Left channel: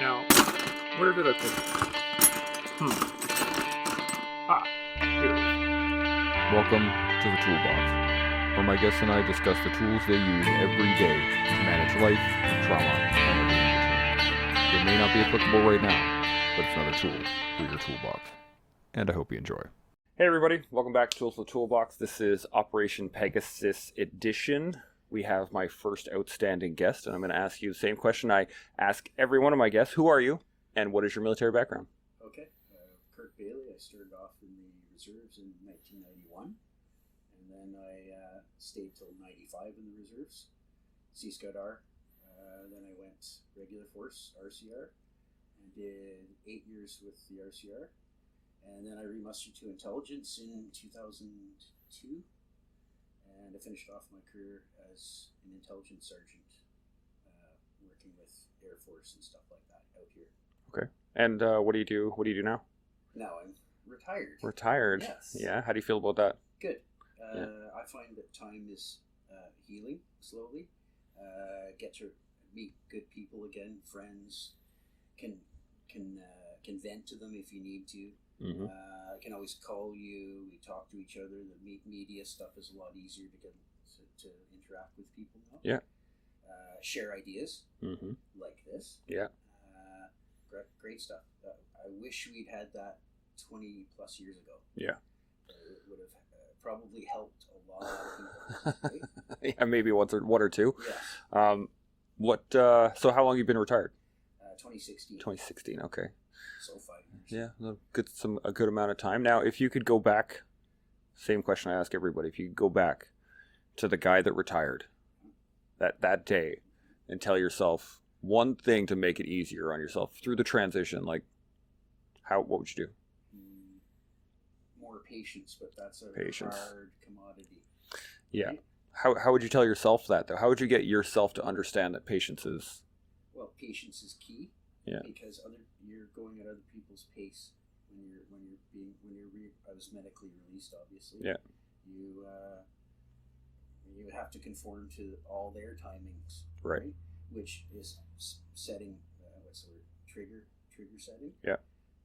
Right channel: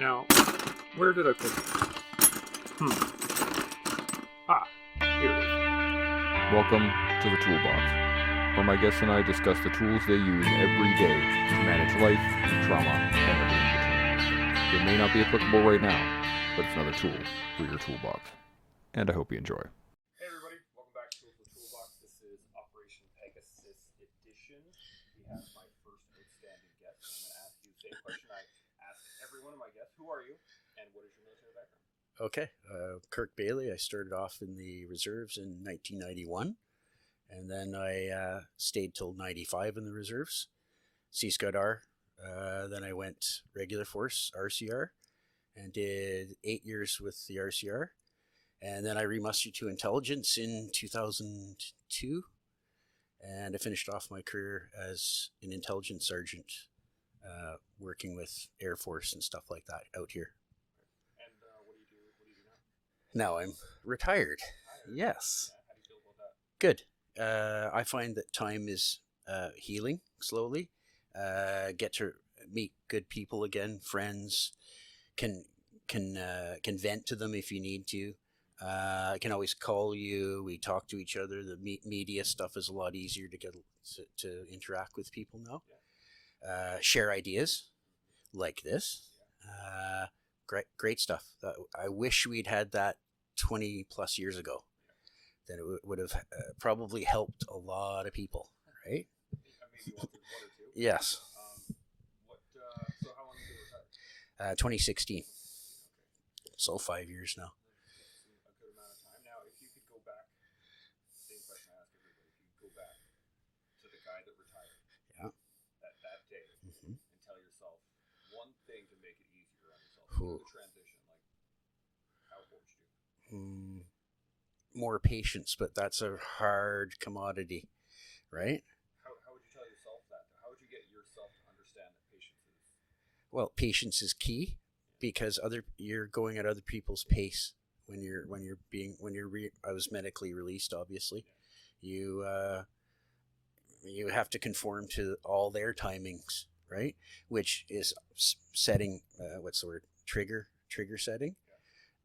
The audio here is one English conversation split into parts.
Now, where did I put it? Here it is. Welcome to the Toolbox, where my guests and I discuss the tools they use every day to manage life, trauma, and everything in between. It may not be applicable right now, but it's another tool for your toolbox. And I hope you enjoy. Hey everybody, welcome back to Tools for the Toolbox. This is Operation Pegasus Edition. We have my first outstanding guest, and I'm going to ask you the same question I ask every one of my guests. Who are you, and what is your military background? Okay, Kirk Bailey. I started off in the reserves in 1991, and then I stayed till 95 in the reserves, Sea Scout R. Then I went regular force, RCR, and did 8 years with the RCR. And then I remustered to intelligence in 2002, and I finished off my career as an intelligence sergeant, working with Air Force and stuff like that out here. Okay. And what do you do? What do you do now? Now I'm retired. Retired? Yes. Yeah. How do you feel about that? Good. I find that time is healing slowly. Get to meet good people again, friends. Can vent to them if you need to. Mm-hmm. I can always call you. We talk to each other. The media stuff is a lot easier to get to interact with people now. Yeah. Share ideas Mm-hmm. like this. Yeah. Great stuff. I wish we'd had that 20 plus years ago. Yeah. Then it would have probably helped a lot of people, right? Yeah, maybe one or two. Yes. So how long have you been retired? 2016. 2016. Okay. So 5 years now. A good amount of time. Now, if you could go back, same question I ask everybody. If you could go back to the guy that retired, that day, and tell yourself one thing to make it easier on yourself through the transition, like what would you do? More patience, but that's a hard commodity, right? Yeah. How would you tell yourself that, though? How would you get yourself to understand that patience is? Well, patience is key. Yeah. Because you're going at other people's pace when I was medically released, obviously. Yeah. You have to conform to all their timings, right? Which is setting what's the word? Trigger setting. Yeah.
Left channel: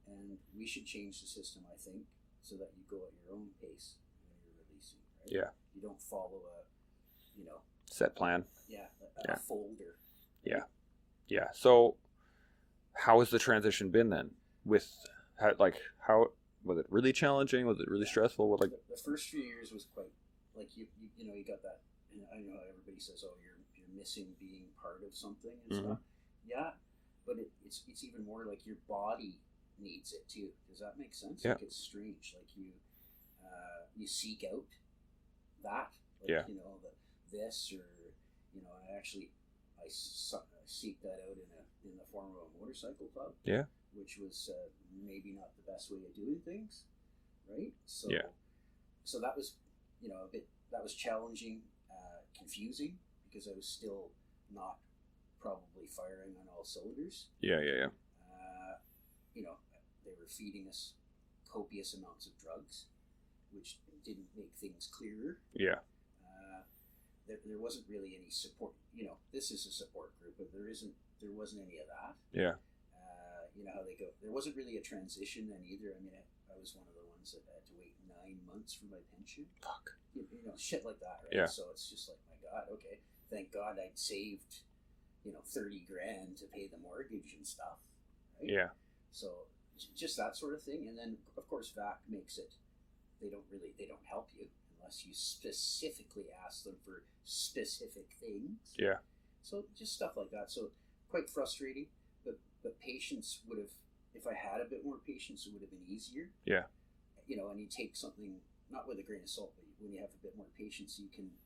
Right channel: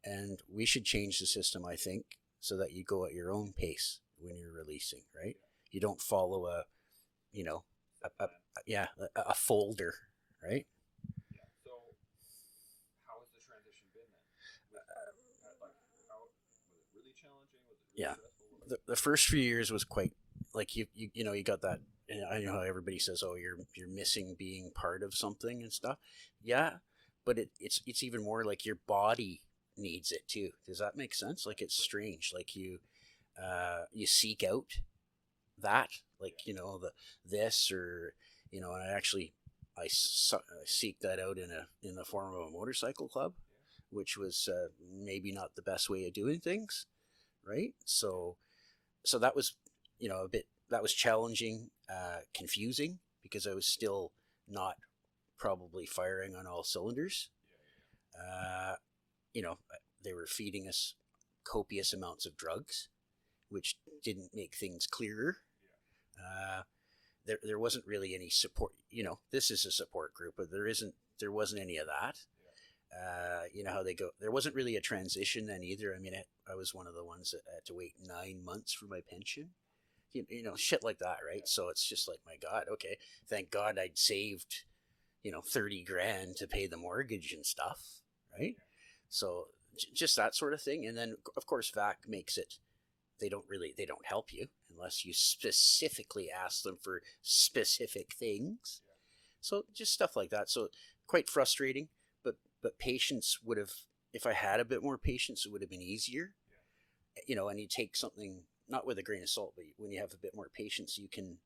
And we should change the system, I think, so that you go at your own pace when you're releasing, right? Yeah. You don't follow a set plan. A folder, right? Yeah. So how has the transition been then? How was it really challenging? Was it really stressful? The first few years was quite you got that. And I know how everybody says, "Oh, you're missing being part of something and stuff." Yeah, but it's even more like your body needs it too. Does that make sense? Yeah. Like it's strange. Like you seek out that, this or and I seek that out in the form of a motorcycle club. Yeah. Which was maybe not the best way of doing things, right? So that was that was challenging, confusing, because I was still not probably firing on all cylinders. Yeah. They were feeding us copious amounts of drugs, which didn't make things clearer. Yeah. There wasn't really any support. This is a support group, but there wasn't any of that. Yeah. How they go. There wasn't really a transition then either. I mean, I was one of the ones that had to wait 9 months for my pension. Fuck. Shit like that, right? Yeah. So it's just like, my God, okay. Thank God I'd saved, 30 grand to pay the mortgage and stuff, right? Yeah. So just that sort of thing. And then, of course, VAC makes it, they don't help you unless you specifically ask them for specific things. Yeah. So just stuff like that. So quite frustrating, but patience would have, if I had a bit more patience, it would have been easier. Yeah. And you take something, not with a grain of salt, but when you have a bit more patience, you can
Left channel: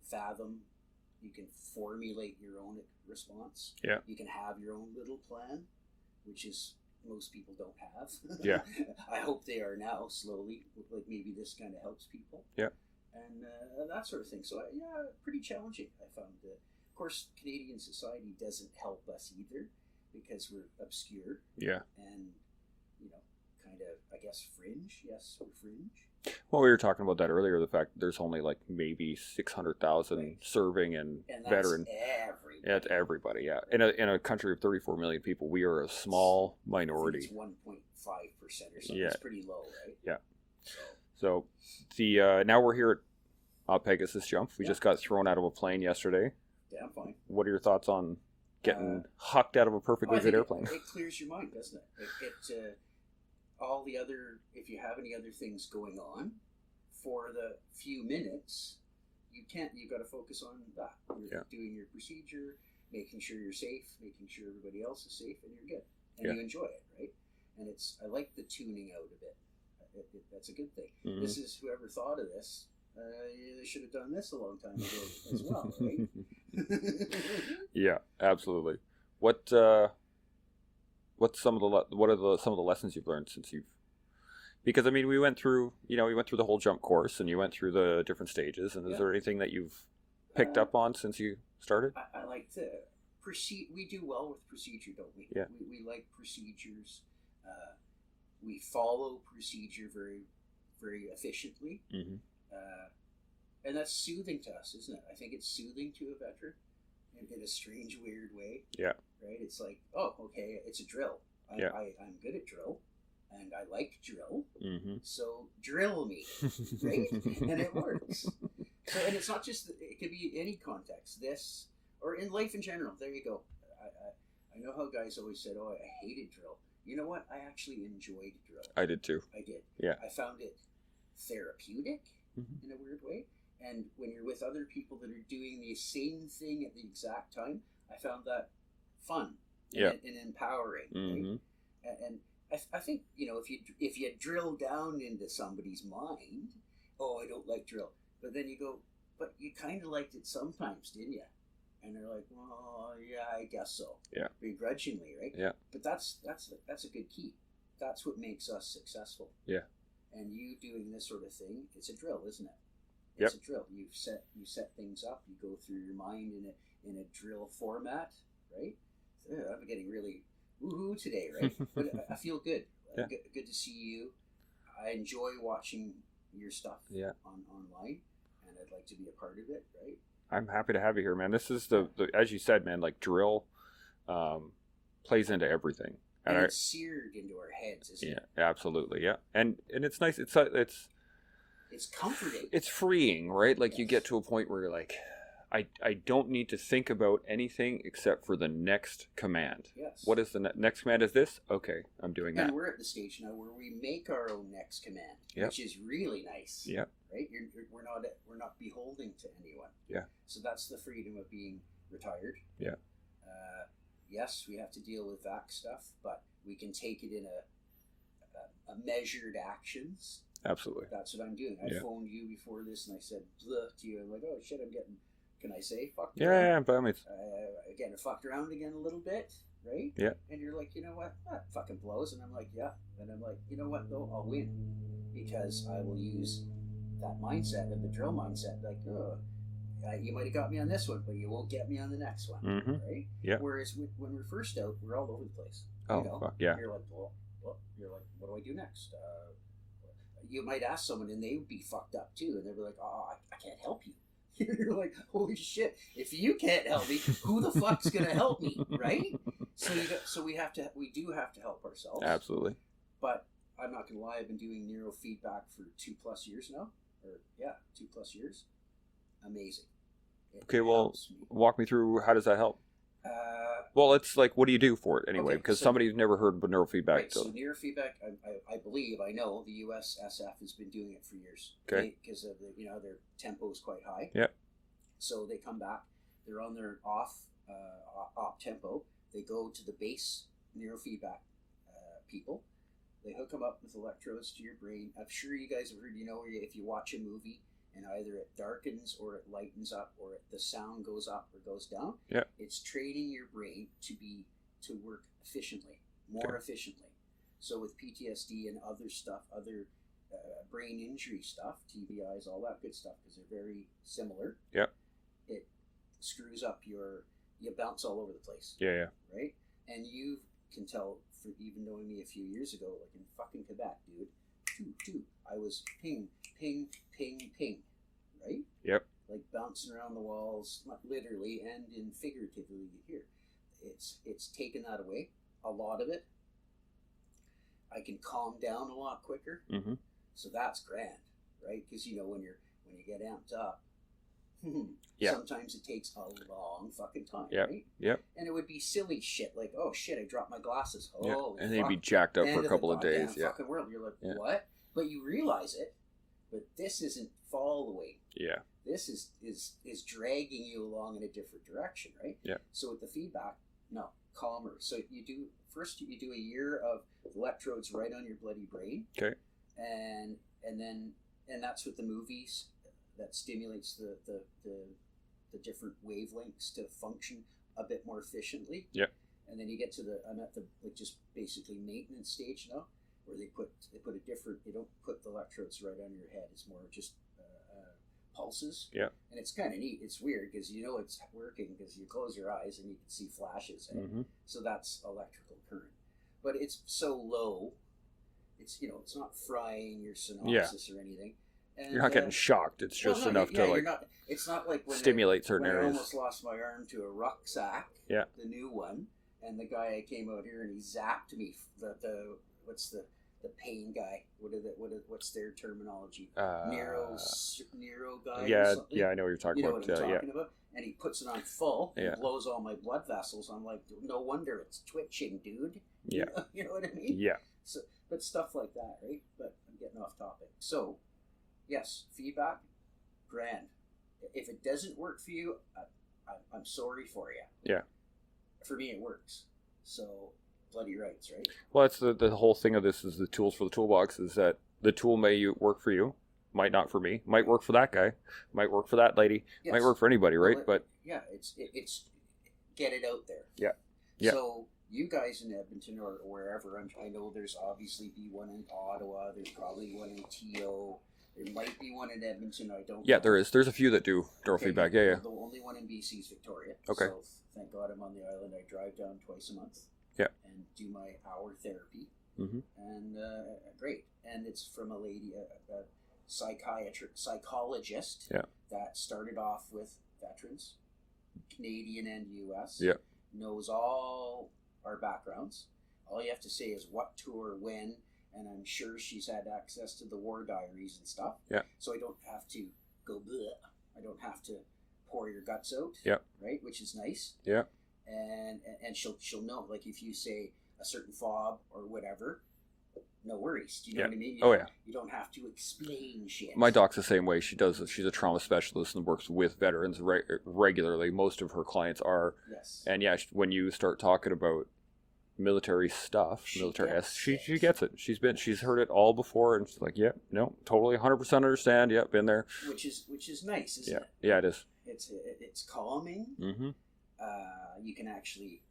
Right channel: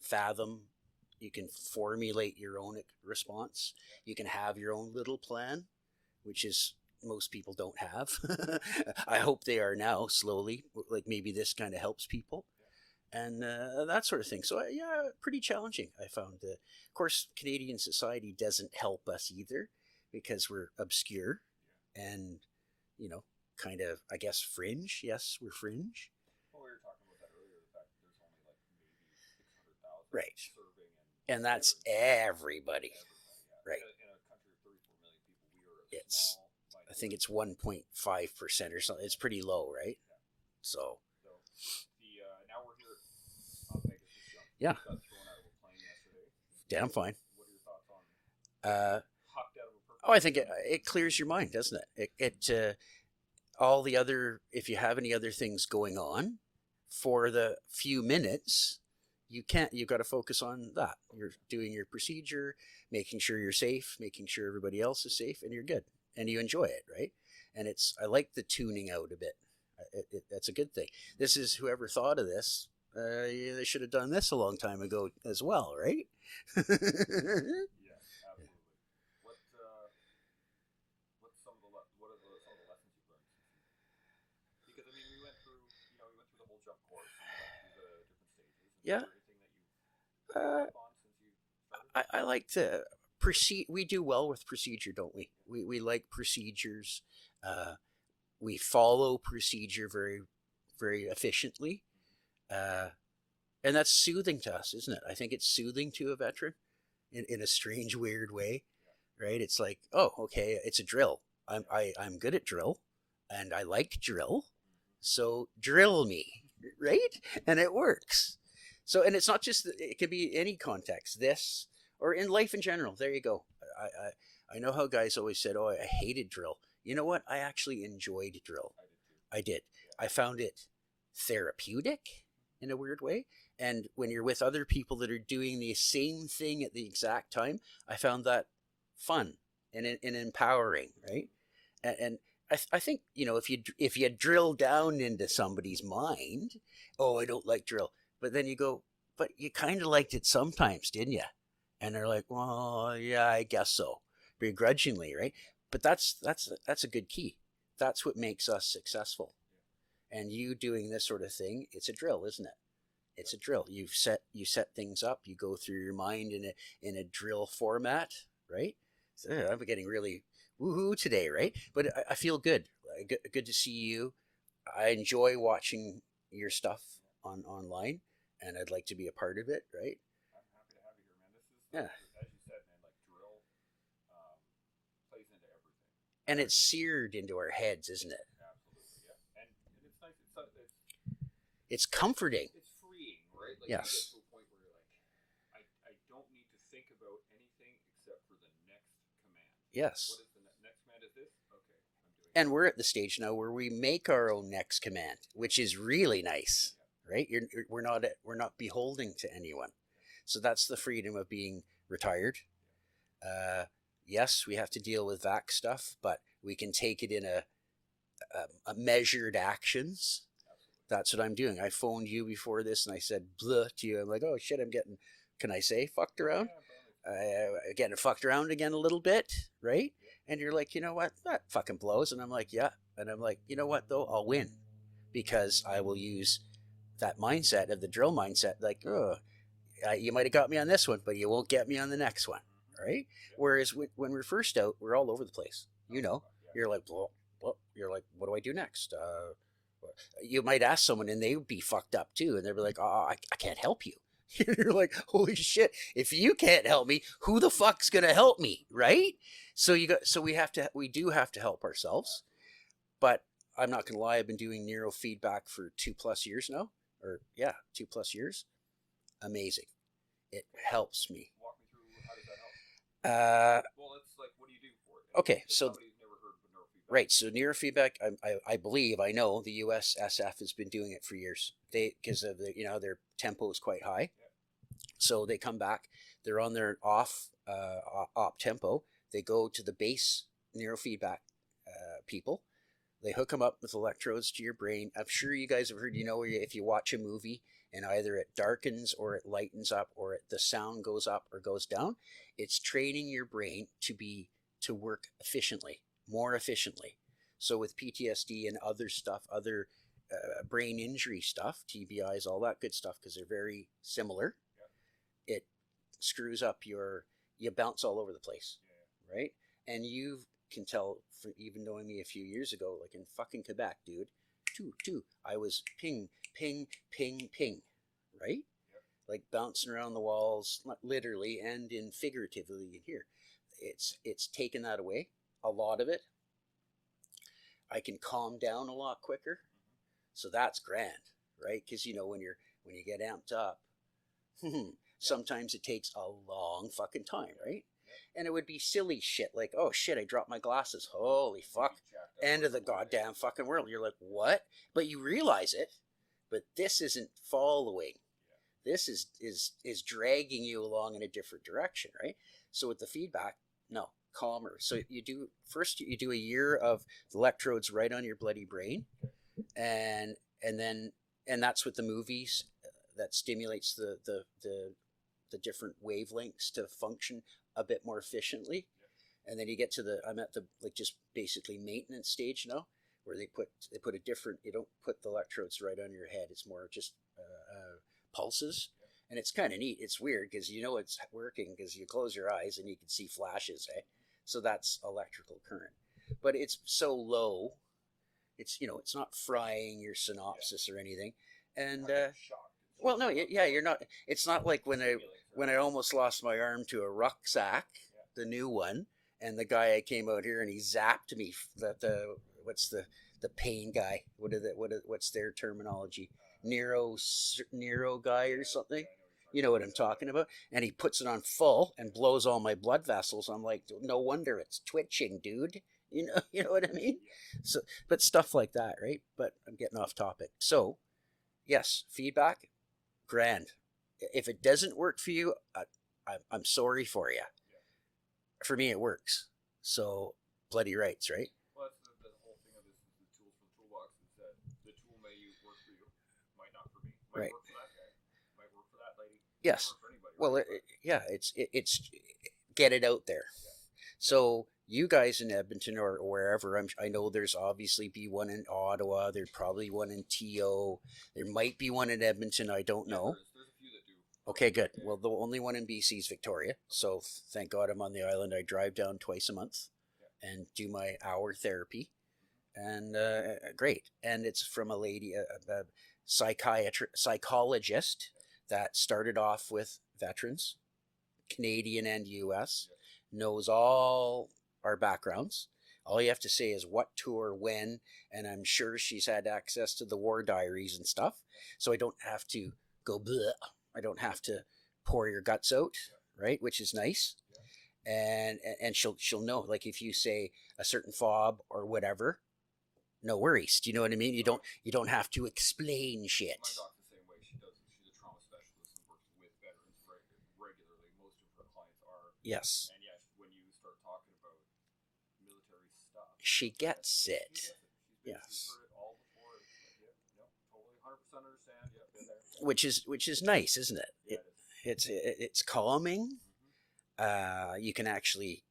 fathom, you can formulate your own response. Yeah. You can have your own little plan, which is most people don't have. Yeah. I hope they are now, slowly. Like maybe this kind of helps people. Yeah. And that sort of thing. So pretty challenging, I found. Of course, Canadian society doesn't help us either, because we're obscure. Yeah. And kind of, I guess, fringe. Yes, we're fringe. Well, we were talking about that earlier. The fact that there's only like maybe 600,000 Right. serving and that's veteran. everybody. Everybody, yeah. Right. In a country of 34 million people, we are a small I think minority. it's 1.5% or something. Yeah. It's pretty low, right? Yeah. So the now we're here at Pegasus Jump. We Yeah. just got thrown out of a plane yesterday. damn fine. What are your thoughts on getting hucked out of a I perfectly think good airplane? it clears your mind, doesn't it? It all the other, if you have any other things going on for the few minutes, you've got to focus on that. You're doing your procedure, making sure you're safe, making sure everybody else is safe, and you're good. And you enjoy it, right? And I like the tuning out a bit. That's a good thing. Mhm. This is, whoever thought of this, they should have done this a long time ago as well, right? Yeah, absolutely. What's some of the lessons you've learned since you've? Because I mean, we went through the whole jump course, and you went through the different stages. And is there anything that you've picked up on since you started? I like to proceed. We do well with procedure, don't we? Yeah. We like procedures. We follow procedure very, very efficiently. Mm-hmm. And that's soothing to us, isn't it? I think it's soothing to a veteran in a strange, weird way. Yeah. Right? It's like, oh, okay, it's a drill. Yeah. I'm good at drill, and I like drill. Mm-hmm. So drill me, right? And it works. So, and it's not just, it can be any context, this, or in life in general. There you go. I know how guys always said, oh, I hated drill. You know what? I actually enjoyed drill. I did too. I did. Yeah. I found it therapeutic in a weird way. And when you're with other people that are doing the same thing at the exact time, I found that fun and empowering, right? And I think, if you drill down into somebody's mind, oh, I don't like drill. But then you go, but you kind of liked it sometimes, didn't you? And they're like, well, yeah, I guess so. Yeah. Begrudgingly, right? Yeah. But that's a good key. That's what makes us successful. Yeah. And you doing this sort of thing, it's a drill, isn't it? It's a drill. You set things up. You go through your mind in a drill format, right? So, I'm getting really woohoo today, right? But I feel good. Yeah. Good to see you. I enjoy watching your stuff online, and I'd like to be a part of it, right? I'm happy to have you here, man. This is the as you said, man, like drill plays into everything. And it's seared into our heads, isn't it? Yeah, absolutely, yeah. And it's nice. It's comforting. It's freeing, right? Like you Yes. get to a point where you're like, I don't need to think about anything except for the next command. Yes. What is the next command? Is this? Okay, I'm doing that. And we're at the stage now where we make our own next command, which is really nice. Yeah. Right? We're not beholden to anyone. Yeah. So that's the freedom of being retired. Yeah. Yes, we have to deal with VAC stuff, but we can take it in a measured actions. Absolutely. That's what I'm doing. I phoned you before this and I said blah to you. I'm like, oh shit, I'm getting, can I say fucked around? Yeah, but I mean, Getting fucked around again a little bit, right? Yeah. And you're like, you know what? That fucking blows. And I'm like, yeah. And I'm like, you know what though? I'll win because I will use that mindset of the drill mindset. Like, you might have got me on this one, but you won't get me on the next one, right? Yeah. Whereas when we're first out, we're all over the place. Fuck, yeah. You're like, well, you're like, what do I do next? You might ask someone and they would be fucked up too, and they'd be like, oh, I can't help you. You're like, holy shit! If you can't help me, who the fuck's gonna help me, right? So we do have to help ourselves. Absolutely. But I'm not gonna lie, I've been doing neurofeedback for 2+ years now, 2+ years. Amazing. It helps me. Walk me through how does that help? Well, it's like, what do you do for it anyway? Because somebody's never heard of neurofeedback. Right. So neurofeedback, I know the USSF has been doing it for years. Okay. Because of their tempo is quite high. Yeah. So they come back. They're on their op tempo. They go to the base neurofeedback people. They hook them up with electrodes to your brain. I'm sure you guys have heard. If you watch a movie and either it darkens or it lightens up or the sound goes up or goes down, it's training your brain to work efficiently, more efficiently. So with PTSD and other stuff, other brain injury stuff, TBIs, all that good stuff, because they're very similar. Yeah. It screws up you bounce all over the place. Yeah. Right? And can tell from even knowing me a few years ago, like in fucking Quebec, dude, I was ping, ping, ping, ping, right? Yep. Like bouncing around the walls, not literally and in figuratively here. It's taken that away, a lot of it. I can calm down a lot quicker, Mm-hmm. so that's grand, right? Because when you get amped up, Yeah. sometimes it takes a long fucking time, Yep. right? Yep. And it would be silly shit like, oh shit, I dropped my glasses. Yeah. Holy And fuck. they'd be jacked up End for a of couple the of goddamn days. Yeah. fucking world. You're like, Yeah. what? But you realize it. But this isn't following. Yeah. This is dragging you along in a different direction, right? Yeah. So with the feedback, no, calmer. So you do a year of electrodes right on your bloody brain. Okay. And that's with the movies that stimulates the different wavelengths to function a bit more efficiently. Yeah. And then you get to I'm at the like just basically maintenance stage now, where they put a different. You don't put the electrodes right on your head. It's more just pulses. Yeah. And it's kind of neat. It's weird because it's working because you close your eyes and you can see flashes. Eh? Mm-hmm. So that's electrical current, but it's so low. It's it's not frying your synopsis or anything. And You're not getting shocked. It's just enough to you're not. It's not like stimulate certain I areas. almost lost my arm to a rucksack. Yeah. The new one, and the guy I came out here and he zapped me. What's the pain guy? What's their terminology? Neuro guy or something. Yeah, I know what you're talking about. You know what I'm talking about? And he puts it on full and blows all my blood vessels. I'm like, no wonder it's twitching, dude. Yeah. You know what I mean? Yeah. So, but stuff like that, right? But I'm getting off topic. So, yes, feedback, grand. If it doesn't work for you, I'm sorry for you. Yeah. For me, it works. So, bloody rights, right? Well, that's the whole thing of this is the tools for the toolbox is that the tool may work for you, might not for me, might work for that guy, might work for that lady, might work for anybody, right? But it's get it out there. Yeah. Yeah. So you guys in Edmonton or wherever, I know there's obviously be one in Ottawa. There's probably one in TO. There might be one in Edmonton. I don't know. Yeah, there is. There's a few that do neurofeedback. Yeah, well, the only one in BC is Victoria. Okay. So thank God I'm on the island. I drive down twice a month. Yeah. And do my hour therapy. Mm-hmm. And great. And it's from a lady, a psychologist that started off with veterans, Canadian and U.S. Yeah. Knows all our backgrounds. All you have to say is what tour, when, and I'm sure she's had access to the war diaries and stuff. Yeah. So I don't have to go bleh. I don't have to pour your guts out. Yeah. Right, which is nice. Yeah. And she'll know, like if you say a certain fob or whatever, no worries. Do you know what I mean? You don't have to explain shit. My doc's the same way. She's a trauma specialist and works with veterans regularly. Most of her clients are. Yes. And when you start talking about military stuff, she gets it. She's heard it all before, and she's like, yeah, no, totally, 100% understand. Yeah, been there. Which is nice, isn't it? Yeah, it is. It's calming. Mm-hmm. You can actually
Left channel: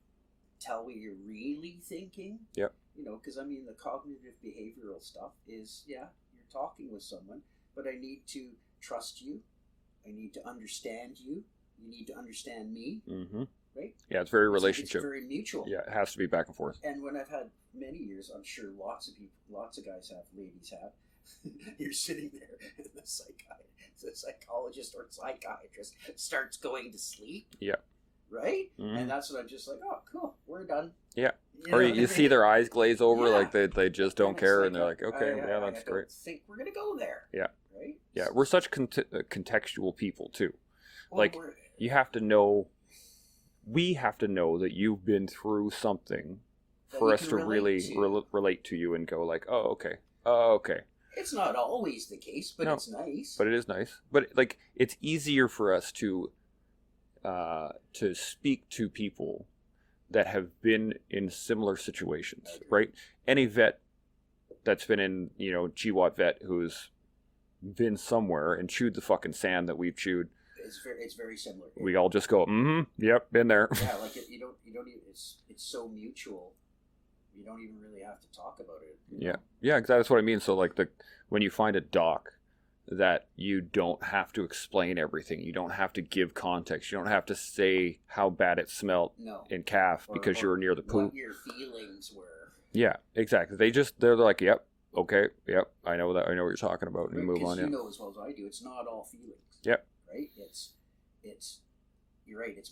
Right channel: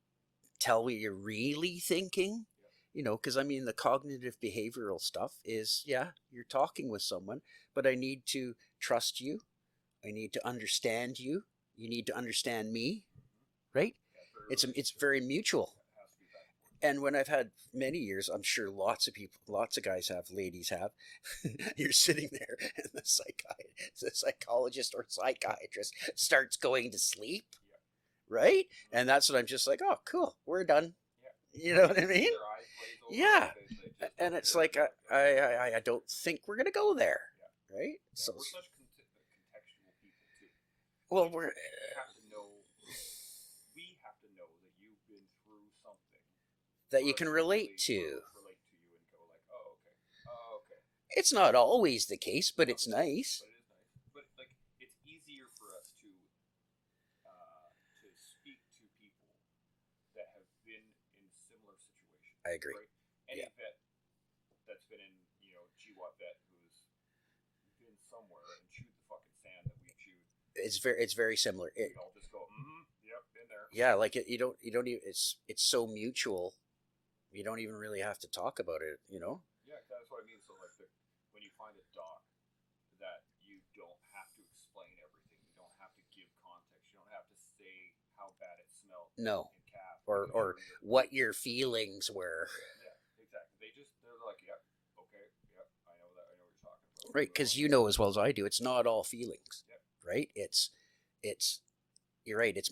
tell what you're really thinking. Yep. Because the cognitive behavioral stuff is, you're talking with someone, but I need to trust you. I need to understand you. You need to understand me. Mm-hmm. Right? Yeah, it's very relationship. It's very mutual. Yeah, it has to be back and forth. And when I've had many years, I'm sure lots of guys have, ladies have, you're sitting there and the psychologist or psychiatrist starts going to sleep. Yeah. Right? Mm-hmm. And that's when I'm just like, oh, cool, we're done. Yeah. You see their eyes glaze over, like they just don't care, like and they're like, okay, I don't think we're going to go there. Yeah. Right? Yeah, we're such contextual people, too. Well, you have to know, we have to know that you've been through something that for you us can to relate to. relate to you and go like, oh, okay. It's not always the case, but it's nice. But it is nice. But it's easier for us to speak to people that have been in similar situations. I agree. Right? Any vet that's been in, GWAT vet who's been somewhere and chewed the fucking sand that we've chewed. It's very similar. We all just go, yep, been there. Yeah, like you don't even. It's so mutual. You don't even really have to talk about it. Yeah, exactly. That's what I mean. So when you find a doc that you don't have to explain everything. You don't have to give context. You don't have to say how bad it smelled in calf because you were near the poop. What your feelings were. Yeah, exactly. They're like, yep, okay, yep, I know that. I know what you're talking about. Right, because you know as well as I do, it's not all feelings. Yep. Right? It's you're right. It's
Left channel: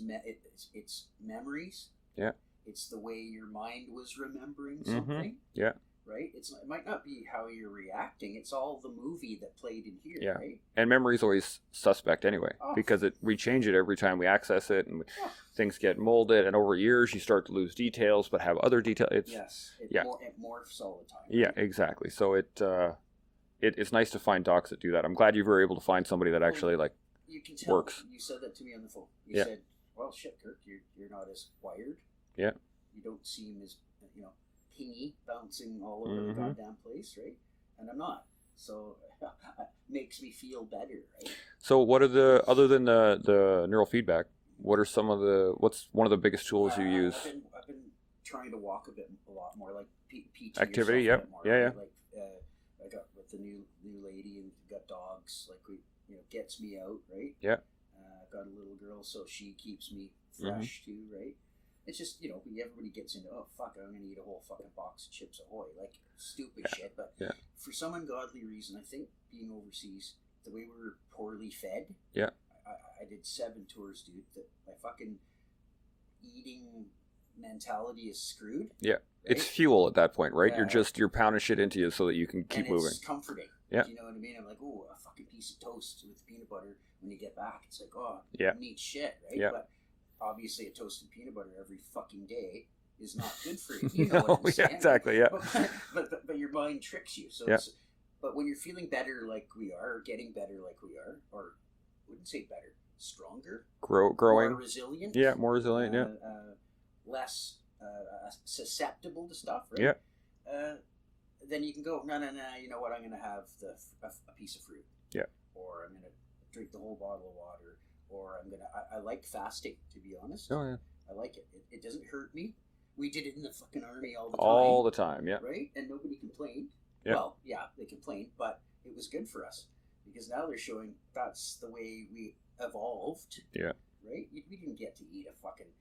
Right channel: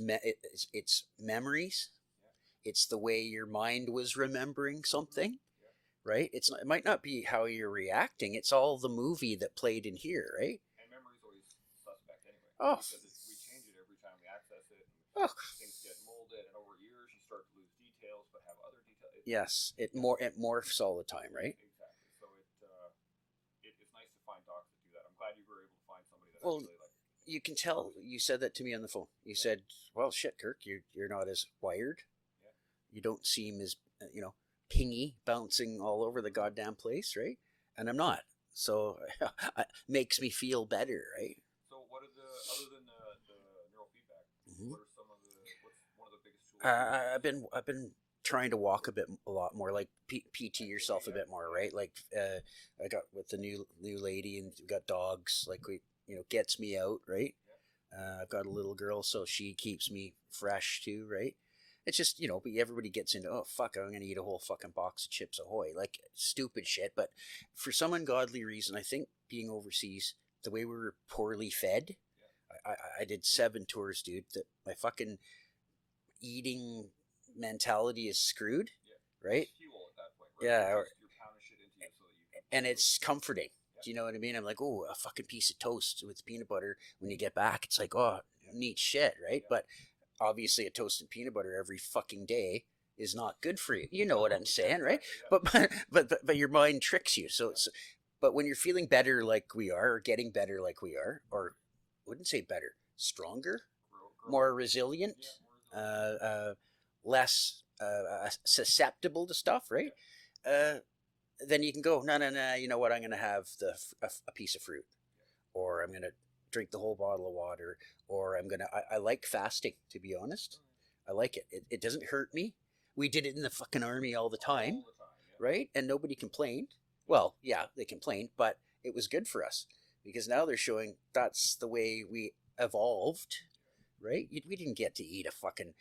memories. Yeah. It's the way your mind was remembering something. Yeah. Right? It might not be how you're reacting. It's all the movie that played in here, right? And memory's always suspect anyway, because we change it every time we access it, and things get molded. And over years, you start to lose details, but have other details. It morphs all the time. Right? Yeah, exactly. So it's nice to find docs that do that. I'm glad you were able to find somebody that actually you can tell. Works. You said that to me on the phone. You said, "Well, shit, Kirk, you're not as wired. Yeah. You don't seem as pingy, bouncing all over the goddamn place, right?" And I'm not. So it makes me feel better, right? So what are other than the neurofeedback, what's one of the biggest tools you use? I've been trying to walk a lot more, like PT activity, yourself a bit more, right? Yeah. Like I got with the new lady, and we got dogs, like gets me out, right? Yeah. I've got a little girl, so she keeps me fresh too, right? It's just, but everybody gets into, oh, fuck, I'm going to eat a whole fucking box of Chips Ahoy. Like, stupid shit. But for some ungodly reason, I think being overseas, the way we were poorly fed, I did 7 tours, dude, that my fucking eating mentality is screwed. Yeah. Right? It's fuel at that point, right? Yeah, you're pounding shit into you so that you can keep moving. And it's comforting. Yeah. Do you know what I mean? I'm like, oh, a fucking piece of toast with peanut butter. When you get back, it's like, oh, neat shit, right? Yeah. But obviously a toast and peanut butter every fucking day is not good for you. You know what I'm saying? Exactly, right? yeah. But your mind tricks you. So but when you're feeling better like we are, or getting better like we are, or I wouldn't say better, stronger, growing, more resilient. Yeah, more resilient, less susceptible to stuff, right? Yeah. Then you can go, no, you know what, I'm going to have a piece of fruit. Yeah. Or I'm going to drink the whole bottle of water. Or I like fasting, to be honest. Oh, yeah. I like it. It doesn't hurt me. We did it in the fucking army all the time. All the time, yeah. Right? And nobody complained. Yeah. Well, yeah, they complained, but it was good for us. Because now they're showing that's the way we evolved. Yeah. Right? We didn't get to eat a fucking...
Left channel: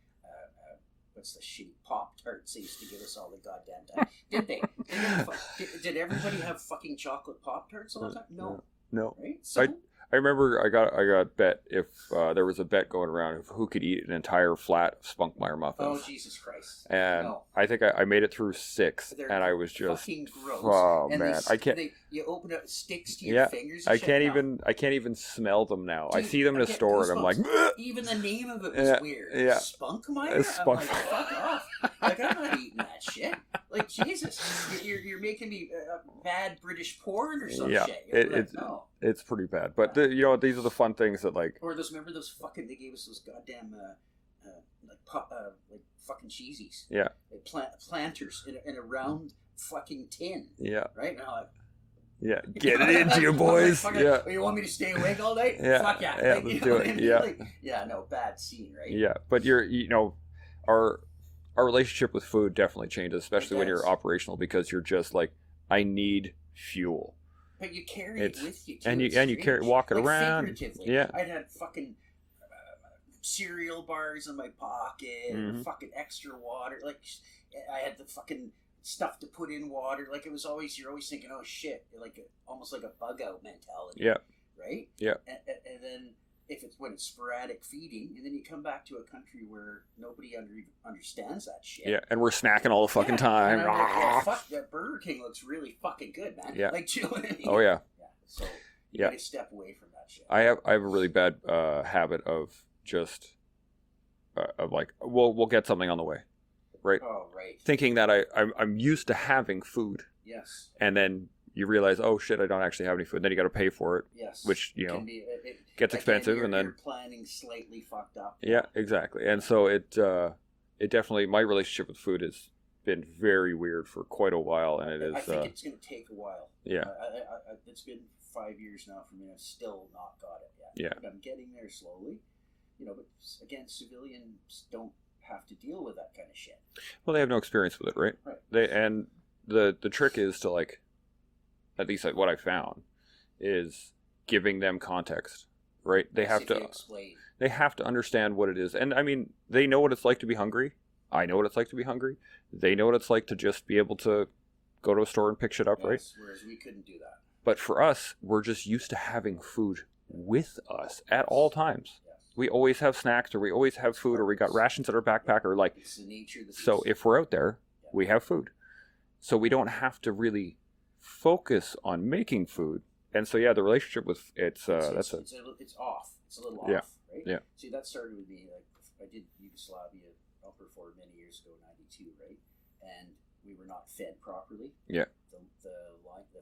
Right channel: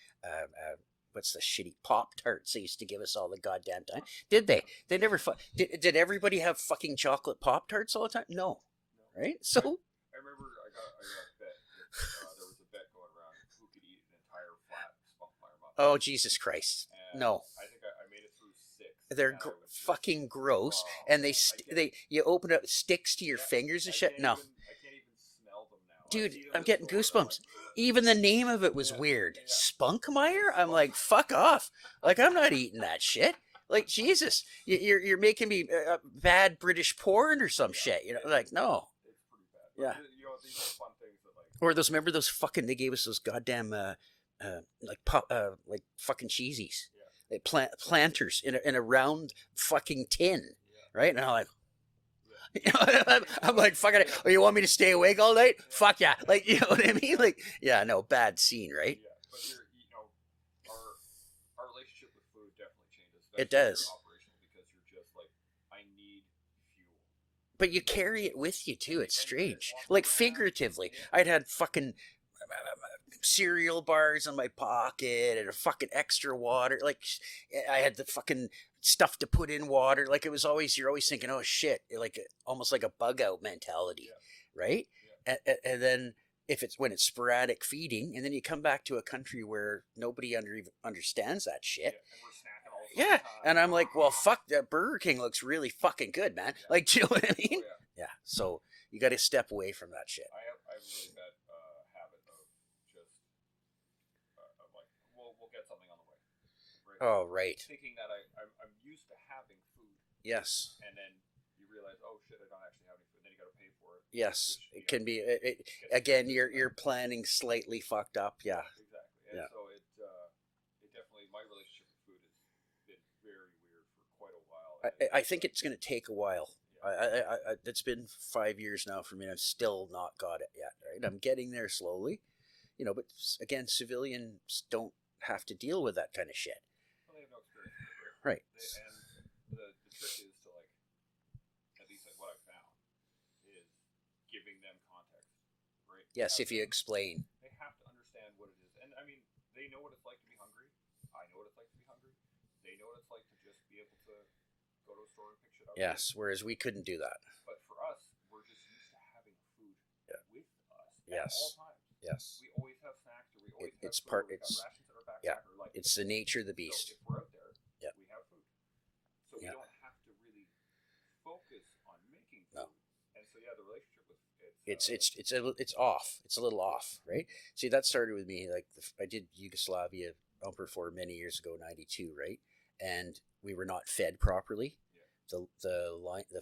what's the shitty Pop-Tarts they used to give us all the goddamn time? Did they? They never... Did everybody have fucking chocolate Pop-Tarts all the time? No. Right? So... I remember I got bet if there was a bet going around of who could eat an entire flat Spunkmeyer muffin. Oh, Jesus Christ! And no, I think I made it through 6, and I was just fucking gross. Oh, and man. you open it, sticks to your fingers. And I can't even smell them now. Dude, I see them in a store, and I'm like, even the name of it was weird. Yeah. Spunkmeyer. I'm like, fuck off! Like, I'm not eating that shit. Like, Jesus, you're making me bad British porn or some shit. No. It's pretty bad, but these are the fun things that like. Or remember those fucking? They gave us those goddamn like fucking cheesies. Yeah. Planters in a round fucking tin. Yeah. Right? And I'm like. Yeah. Get it into you, boys. Like, oh, you want me to stay awake all night? Yeah. Fuck yeah. Yeah, Like, you know what I mean? Yeah. Like, no, bad scene, right? Yeah, but our relationship with food definitely changes, especially when you're operational, because you're just like, I need fuel. But you carry it with you too. And you walk it like around. Figuratively. Yeah. I'd had fucking cereal bars in my pocket and a fucking extra water. Like I had the fucking stuff to put in water. Like you're always thinking, oh shit, like almost like a bug out mentality. Yeah. Right. Yeah. And then when it's sporadic feeding, and then you come back to a country where nobody even understands that shit. Yeah, and we're snacking all the fucking time. And I'm like, well, fuck, that Burger King looks really fucking good, man. Yeah. Like, do you know what I mean? Oh yeah. Yeah. So you got to step away from that shit. I have a really bad habit of just of like, we'll get something on the way, right? Oh right. Thinking that I'm used to having food. Yes. And then you realize, oh shit, I don't actually have any food. Then you got to pay for it. Yes, which can be gets expensive, and then you're planning slightly fucked up. Yeah, exactly. And so it definitely, my relationship with food has been very weird for quite a while, and I think it's going to take a while. Yeah, it's been 5 years now for me, and I've still not got it yet. Yeah, but I'm getting there slowly. But again, civilians don't have to deal with that kind of shit. Well, they have no experience with it, right? Right. And the trick is to, like, at least what I found is giving them context, right? They Yes, have if to you explain. They have to understand what it is. And I mean, they know what it's like to be hungry. I know what it's like to be hungry. They know what it's like to just be able to go to a store and pick shit up, Yes, right? whereas we couldn't do that. But for us, we're just used to having food with us at Yes. all times. Yes. We always have snacks, or we always have It's food, or we got perfect. rations at our backpack, or like. It's the nature of the beast. So if we're out there, Yeah. we have food. So we don't have to really focus on making food. And so yeah, the relationship with it's it's off. It's a little Yeah. off, right? Yeah. See, that started with me. Like I did Yugoslavia for many years ago, '92, right? And we were not fed properly. Yeah. The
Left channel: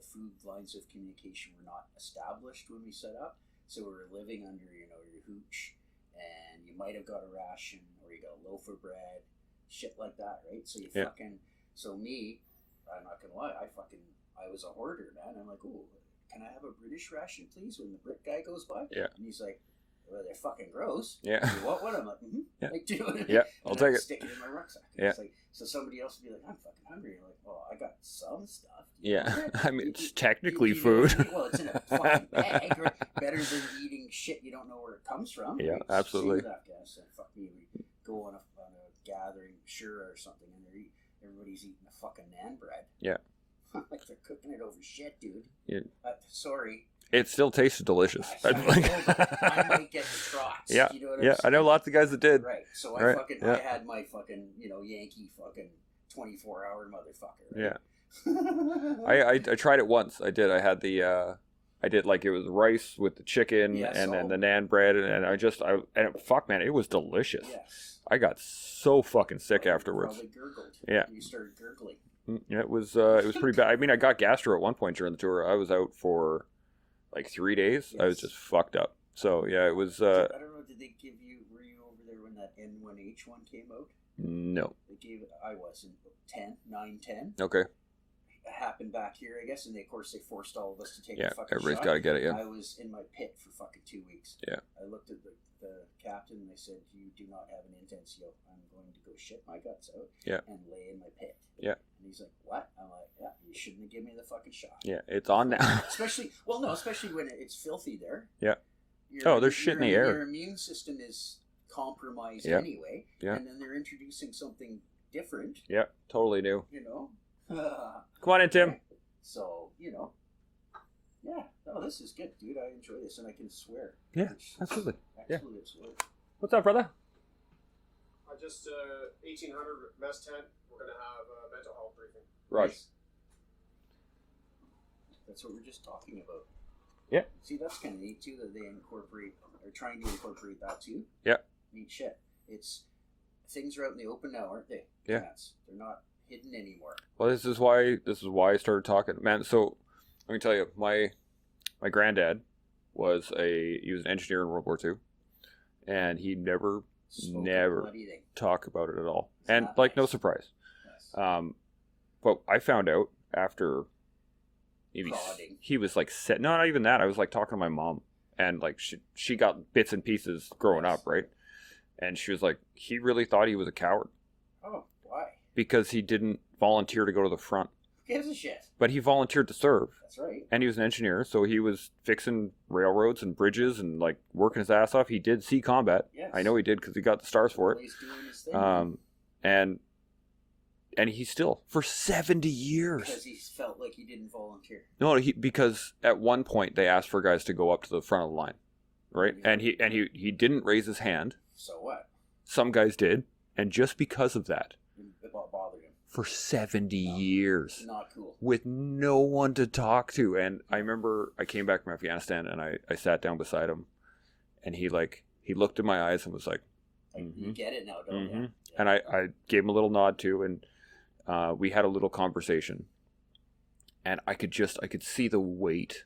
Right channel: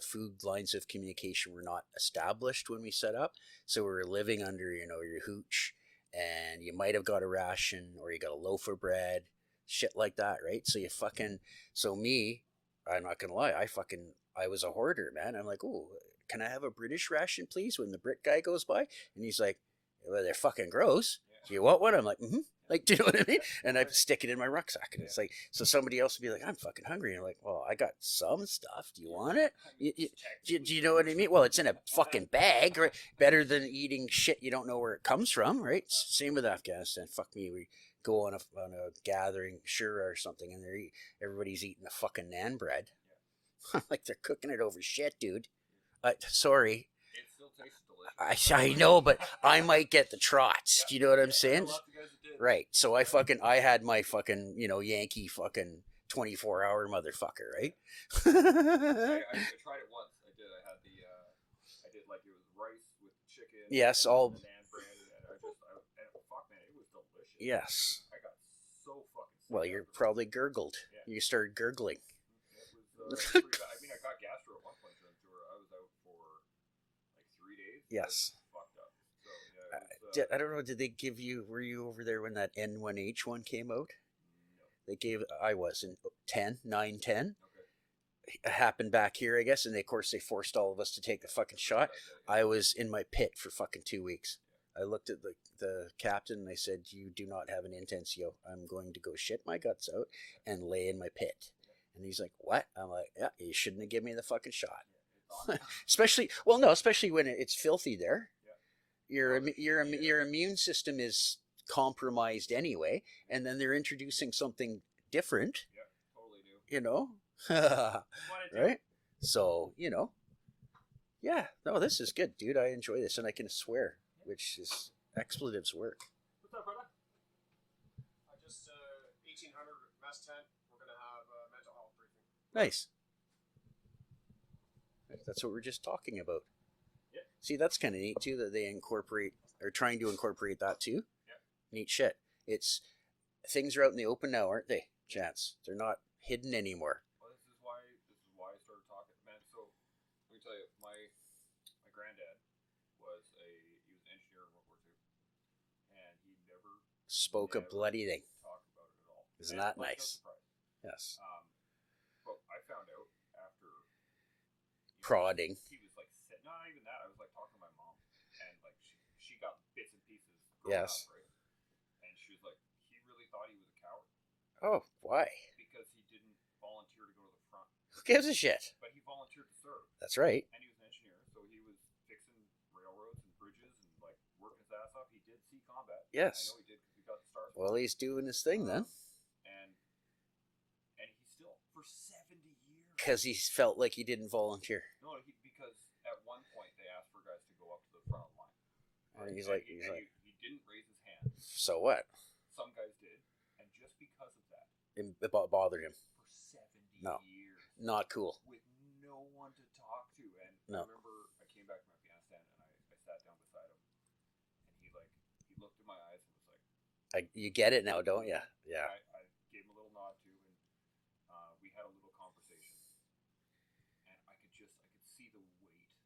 food lines of communication were not established when we set up. So we were living under, your hooch, and you might have got a ration or you got a loaf of bread, shit like that, right? So I'm not gonna lie, I was a hoarder, man. I'm like, oh, can I have a British ration, please? When the Brit guy goes by, Yeah. and he's like, well, they're fucking gross. Yeah. You want one? I'm like, mm-hmm. Yeah. Like, do you know what I mean? Yeah, And I'll I take it. stick it in my rucksack. And Yeah. it's like, so somebody else would be like, I'm fucking hungry. And I'm like, well, I got some stuff. Do you Yeah. want it? I mean, You- it's technically do you know food. what I mean? Well, it's in a fucking bag, right? Better than eating shit you don't know where it comes from, Yeah, right? absolutely. Same with Afghanistan. Fuck me. We go on a gathering, sure, or something, and everybody's eating the fucking naan bread. Yeah. Like they're cooking it over shit, dude. Yeah. Sorry. It still tasted delicious. I know, but I might get the trots. Yeah. Do you know what I'm Yeah, I saying? know lots of guys that did. Right. So I Right. I Yeah. had my fucking, Yankee fucking 24-hour motherfucker, right? Yeah. I tried it once. I did. I had I did like it was rice with the chicken Yes, and then the naan bread and fuck man, it was delicious. Yes. I got so fucking sick Well, you afterwards. probably gurgled. Yeah. You started gurgling. Yeah, it was pretty bad. I mean, I got gastro at one point during the tour. I was out for like 3 days. I was Yes. just fucked up. So yeah, it was. I don't know. Did they give you? Were you over there when that N1H one came out? No. They gave. I was in 9, 10. Okay. It happened back here, I guess, and of course they forced all of us to take Yeah, the fucking everybody's shot. got to get it. Yeah. I was in my pit for fucking 2 weeks. Yeah. I looked at the captain and I said, "You do not have an intencio. I'm going to go shit my guts out Yeah. and lay in my pit." Yeah. And he's like, "What?" I'm like, "Yeah, you shouldn't have given me the fucking shot." Yeah, it's on now. Especially when it's filthy there. Yeah. Your, There's shit in the air. Your immune system is compromised Yeah. anyway, Yeah. and then they're introducing something different. Yeah, totally new. Come Come on in, Tim. Right? So, yeah, no, this is good, dude. I enjoy this, and I can swear. Yeah, which is absolutely. expletives work. What's up, brother? I just 1800 mess tent. We're gonna have a mental health briefing. Nice. That's what we're just talking about. Yeah. See, that's kind of neat too that they are trying to incorporate that too. Yeah. Neat shit. It's things are out in the open now, aren't they? Yeah. Chance. They're not hidden anymore. Well, this is why I started talking, man. So let me tell you, my granddad was he was an engineer in World War II, and he never Spoke Never. a bloody thing. talked about it at all. Isn't And that like no nice? surprise. Yes. But I found out after Prodding. He was like no, not even that. I was like talking to my mom, and like she got bits and pieces growing Yes. up, right? And she was like, he really thought he was a coward Oh, why? because he didn't volunteer to go to the front, Who gives a shit? but he volunteered to serve. That's right. And he was an engineer, so he was fixing railroads and bridges and like working his ass off. He did see combat. Yes. I know he did because he got the stars for Well, it. he's doing his thing, man. And he still for 70 years. Because he felt like he didn't volunteer. No, because at one point they asked for guys to go up to the front of the line, right? He's And like- he didn't raise his hand. So what? Some guys did, and just because of that, It bothered him. for 70 No. years. Not cool. With no one to talk to. And I remember I came back from Afghanistan and I sat down beside him, and he looked in my eyes and was like, You get it now, don't Mhm. you? Yeah. and I gave him a little nod too, and we had a little conversation, and I could see the weight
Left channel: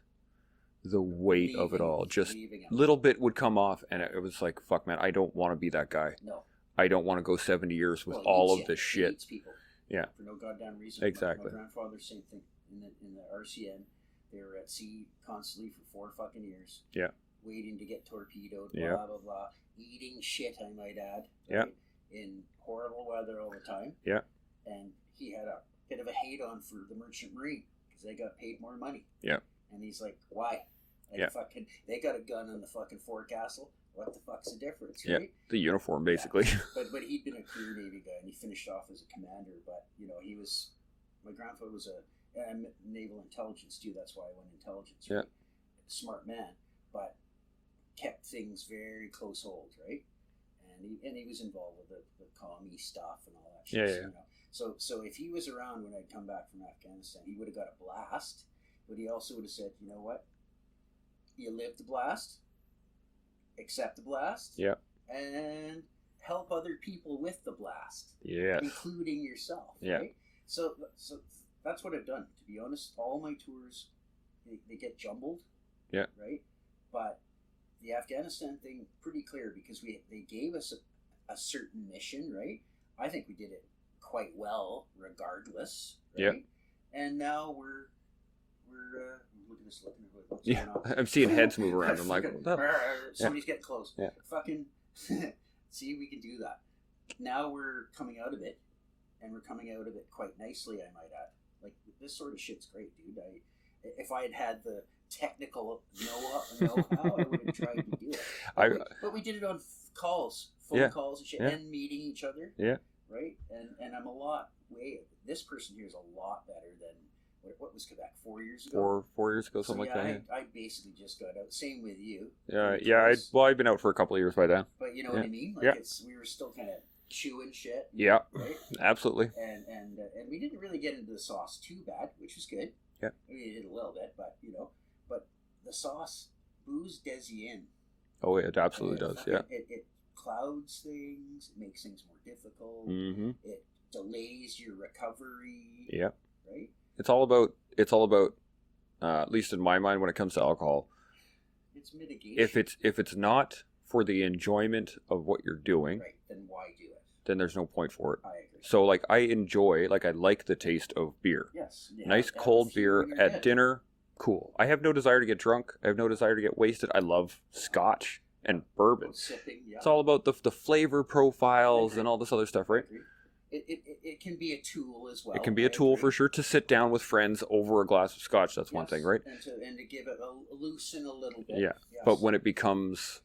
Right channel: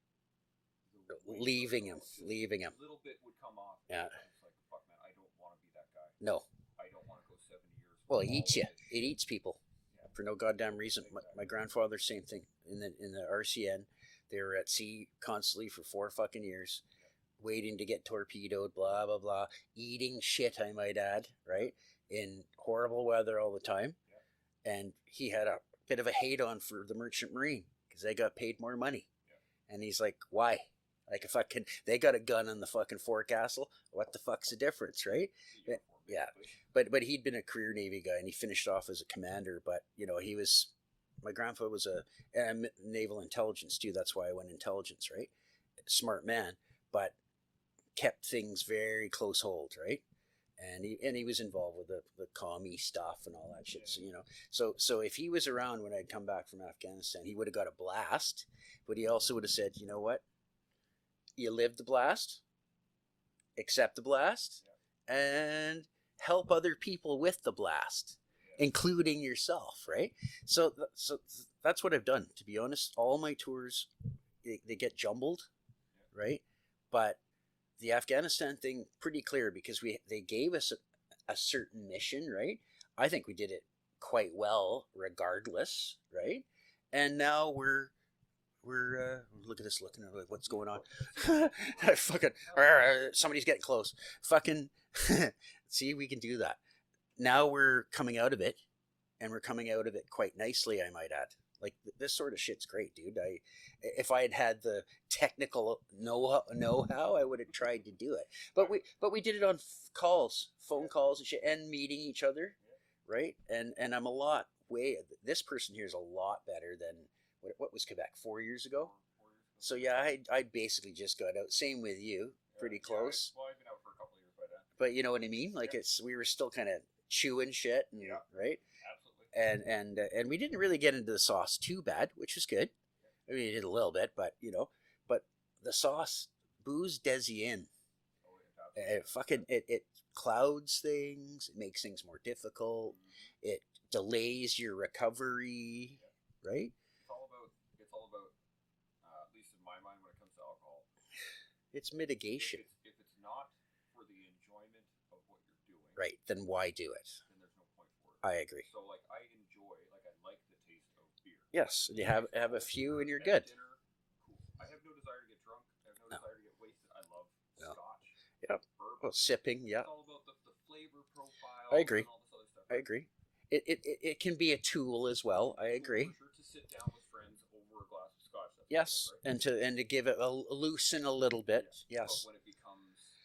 of it all. Just leaving him. little bit would come off, and it was like, fuck man, I don't want to be that guy. No. I don't want to go 70 years with Well, he all eats of you. this He shit. eats people. Yeah. For no goddamn reason. Exactly. My grandfather, same thing. In the RCN, they were at sea constantly for 4 fucking years. Yeah. Waiting to get torpedoed, blah, Yeah. blah, blah. Eating shit, I might add, right? In horrible weather all the time. Yeah. And he had a bit of a hate on for the Merchant Marine because they got paid more money. Yeah. And he's like, why? Like fucking, they got a gun in the fucking forecastle. What the fuck's the difference, right? The uniform, basically. Yeah. But he'd been a career Navy guy, and he finished off as a commander. But he was, my grandfather was a naval intelligence too. That's why I went intelligence, right? Smart man, but kept things very close hold, right? And he was involved with the commie stuff and all that shit. So if he was around when I'd come back from Afghanistan, he would have got a blast, but he also would have said, you know what? You live the blast, accept the blast, and help other people with the blast, including yourself, right? So that's what I've done. To be honest, all my tours, they get jumbled, right? But the Afghanistan thing, pretty clear, because they gave us a certain mission, right? I think we did it quite well, regardless, right? And now we're look at this, looking at what's going on. I'm seeing heads move around. I'm like, somebody's getting close. Fucking, see, we can do that. Now we're coming out of it, and we're coming out of it quite nicely, I might add. Like, this sort of shit's great, dude. If I had the technical know-how, I would have tried to do it. But we did it on calls, phone calls and shit, and meeting each other. Right? And I'm this person here is a lot better than, what was Quebec, 4 years ago? 4 years ago, something like that. I basically just got out. Same with you. I'd been out for a couple of years by then. But you know what I mean? Like, we were still kind of chewing shit. Right? Absolutely. And we didn't really get into the sauce too bad, which was good. I mean, it did a little bit, but but the sauce, booze does you in. Oh, it absolutely does. It clouds things. It makes things more difficult. Mm-hmm. It delays your recovery. Right. It's all about. At least in my mind, when it comes to alcohol, it's mitigation. If it's not for the enjoyment of what you're doing, right, then why do it? Then there's no point for it. I agree. So, like, I like the taste of beer. Yes. Nice cold beer at dinner, cool. I have no desire to get drunk. I have no desire to get wasted. I love scotch and bourbon. Sipping, It's all about the flavor profiles and all this other stuff, right? I agree. It can be a tool as well. It can be a tool for sure to sit down with friends over a glass of scotch. That's one thing, right? And to give it a loosen a little bit. Yeah. Yes. But when it becomes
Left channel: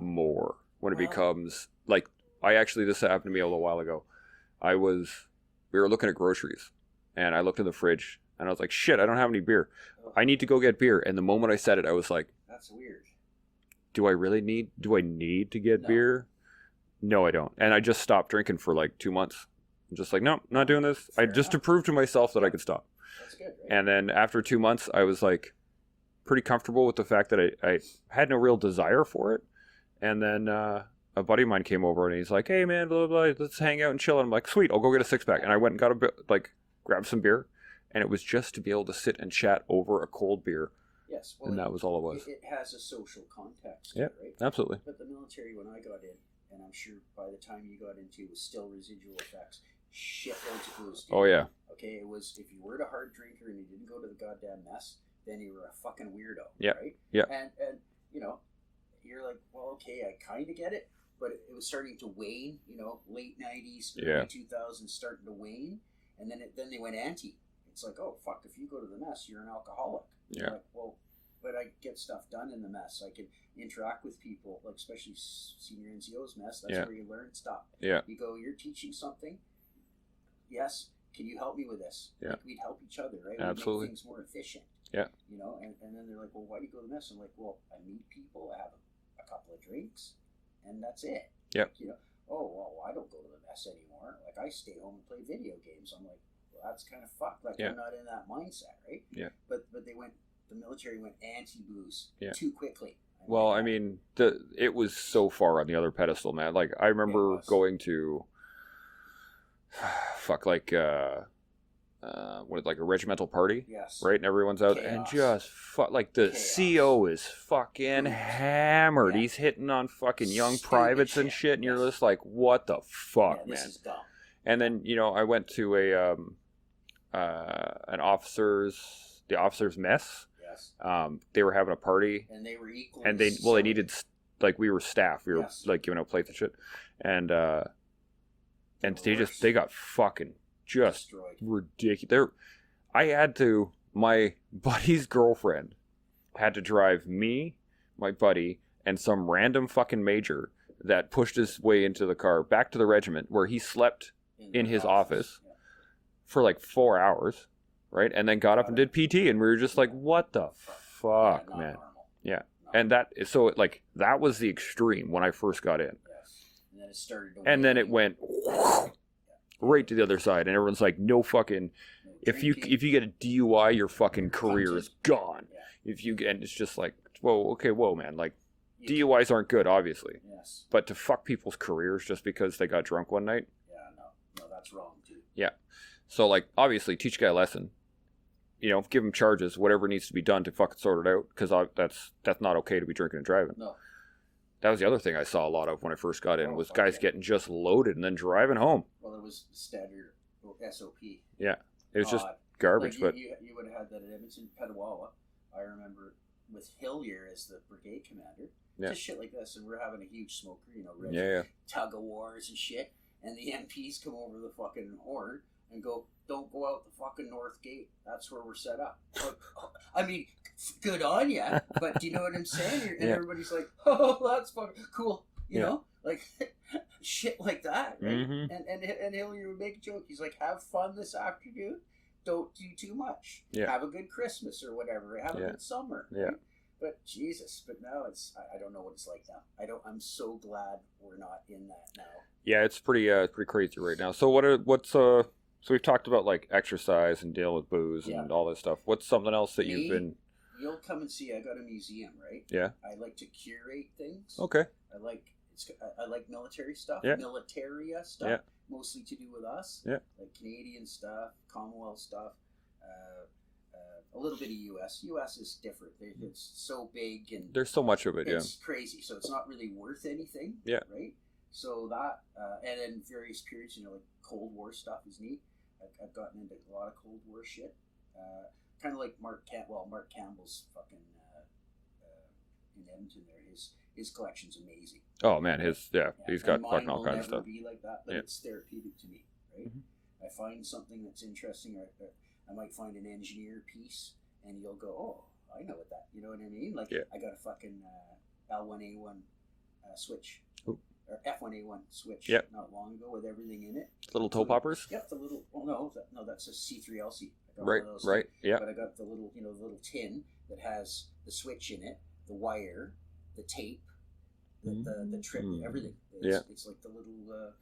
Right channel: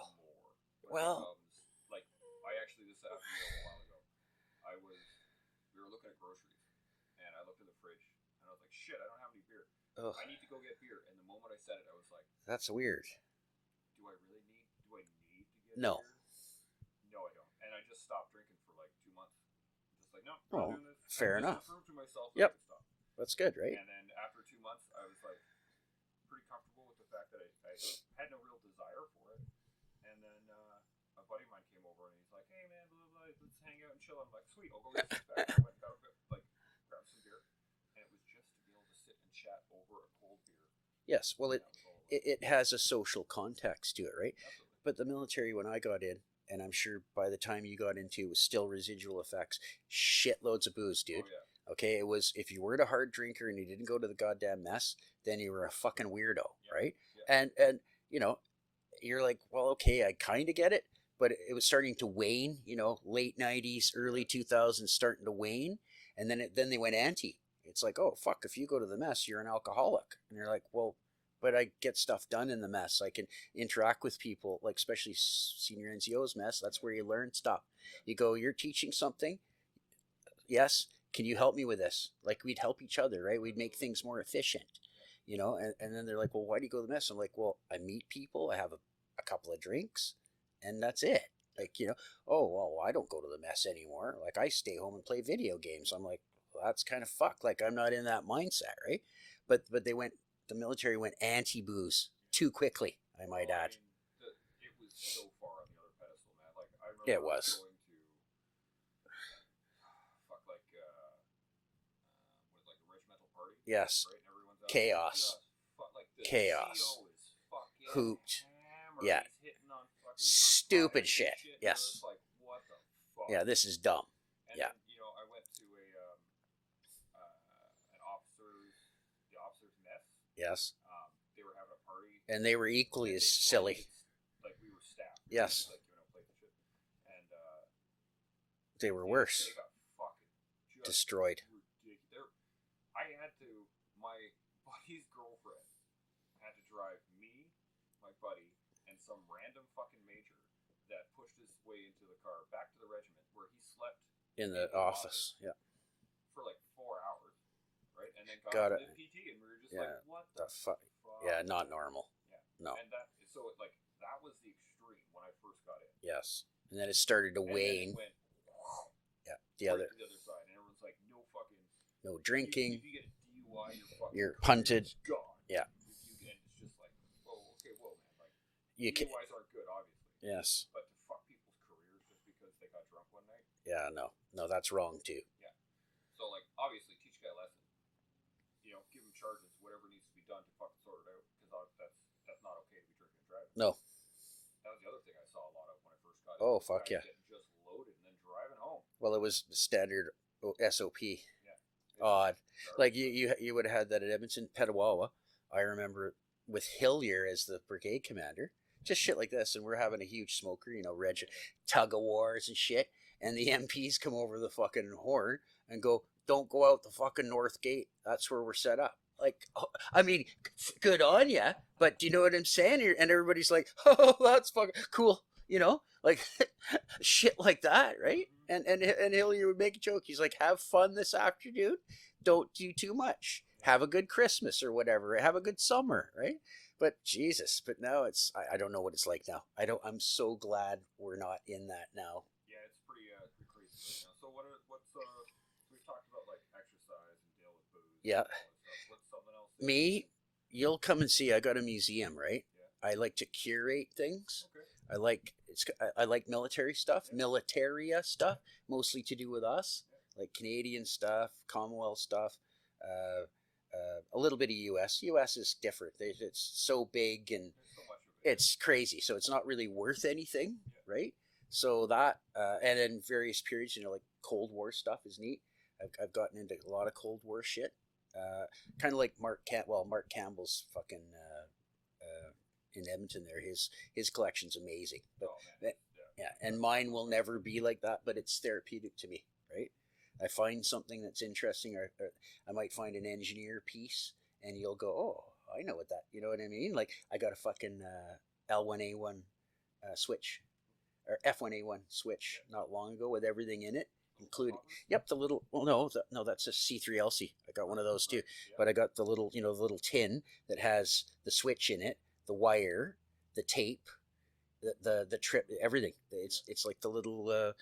more, it becomes like, this happened to me a little while ago. We were looking at groceries, and I looked in the fridge, and I was like, shit, I don't have any beer. Ugh. I need to go get beer. And the moment I said it, I was like, that's weird. Do I need to get beer? No, I don't. And I just stopped drinking for like 2 months. I'm just like, no, not doing this. To prove to myself that I could stop. That's good, right? And then after 2 months, I was like pretty comfortable with the fact that I had no real desire for it. And then a buddy of mine came over and he's like, hey man, blah, blah, blah, let's hang out and chill. And I'm like, sweet, I'll go get a 6-pack. And I went and got grabbed some beer. And it was just to be able to sit and chat over a cold beer. Yes, well, that was all it was. It has a social context to it, right? Absolutely. But the military, when I got in, and I'm sure by the time you got into it was still residual effects, shitloads of booze, dude. Oh, yeah. Okay, it was, if you weren't a hard drinker and you didn't go to the goddamn mess, then you were a fucking weirdo, right? Yeah. And you're like, well, okay, I kind of get it, but it was starting to wane, late 90s, early 2000s, starting to wane, and then they went anti. It's like, oh, fuck, if you go to the mess, you're an alcoholic. Yeah. You're like, well, but I get stuff done in the mess. I can interact with people, like especially senior NCO's mess. That's where you learn stuff. Yeah. You go, you're teaching something. Yes. Can you help me with this? Yeah. Like, we'd help each other, right? Absolutely. We'd make things more efficient. Yeah. And then they're like, well, why do you go to the mess? I'm like, well, I meet people. I have a couple of drinks, and that's it. Yeah. Like, oh, well, I don't go to the mess anymore. Like, I stay home and play video games. I'm like, well, that's kind of fucked. Like, I'm not in that mindset, right? Yeah. But the military went anti-booze too quickly. I mean, it was so far on the other pedestal, man. Like, I remember going to, a regimental party? Yes. Right? And everyone's out and just, the CO is fucking hammered. Yeah. He's hitting on fucking young privates and shit. And you're just like, what the fuck, Yeah, this is dumb. And then, I went to the officers' mess. Yes. They were having a party. And they were equally and they needed, we were staff. We were, giving out plates and shit. And, they got fucking just destroyed. Ridiculous. My buddy's girlfriend had to drive me, my buddy, and some random fucking major that pushed his way into the car back to the regiment where he slept in his office Yeah. for like 4 hours, right? And then got up and did PT, and we were just like, what the fuck, Yeah, not man? normal. Yeah. No. And that was the extreme when I first got in. Yes. And then it started to And then it wane. went right to the other side, and everyone's like, no fucking, No if you drinking. get a DUI, your fucking You're career punted. is gone. Yeah. And it's just like, whoa, man, like, You DUIs aren't good, obviously. Yes. But to fuck people's careers just because they got drunk one night. Yeah, no, that's wrong too. Yeah. So, like, obviously, teach a guy a lesson. You know, give him charges, whatever needs to be done to fucking sort it out, because that's not okay to be drinking and driving. No. That was the other thing I saw a lot of when I first got in, Oh, was fuck guys yeah. getting just loaded and then driving home. Well, it was standard SOP. Yeah. It was just Odd. garbage. Like but you would have had that at Edmonton, Petawawa. I remember with Hillier as the brigade commander. Yeah. Just shit like this, and we're having a huge smoker, regiment yeah. tug of wars and shit, and the MPs come over the fucking horn and go, "Don't go out the fucking north gate. That's where we're set up." Like, I mean, good on ya, but do you know what I'm saying? And Yeah. everybody's like, "Oh, that's fucking cool," you know, like shit like that, right? Mhm. And Hillier would make a joke. He's like, "Have fun this afternoon. Don't do too much. Yeah. Have a good Christmas or whatever. Have a Yeah. good summer, Yeah. right?" But Jesus, but now I don't know what it's like now. I'm so glad we're not in that now. Yeah, it's pretty crazy right now. So so we've talked about like exercise and dealing with booze Yeah. and all this stuff. What's something else that Me? you've been? You'll come and see. I got a museum, right? Yeah. I like to curate things. Okay. I like military stuff, Yeah. militaria stuff, Yeah. mostly to do with us. Yeah. Like Canadian stuff, Commonwealth stuff, a little bit of US. US is different. It's so big and There's so much of it. it's crazy. So it's not really worth anything. Yeah. Right. So that and in various periods, like Cold War stuff is neat. I've gotten into a lot of Cold War shit. Kind of like Mark Campbell's fucking in Edmonton there. His collection's amazing. Yeah. Oh man, he's And got mine fucking all will kinds of never stuff. be like that, but Yeah. it's therapeutic to me, right? Mhm. I find something that's interesting, or I might find an engineer piece, and you'll go, "Oh, I know what that." You know what I mean? Like Yeah. I got a fucking L1A1 switch, Ooh. or F1A1 switch, Yeah. not long ago with everything in it. Little toe So- poppers. Yep, the little. Well, no, that's a C3LC. I got Right. one of those Right. too. Yeah. But I got the little, the little tin that has the switch in it, the wire, the tape, the trip, Mm. everything. It's like the little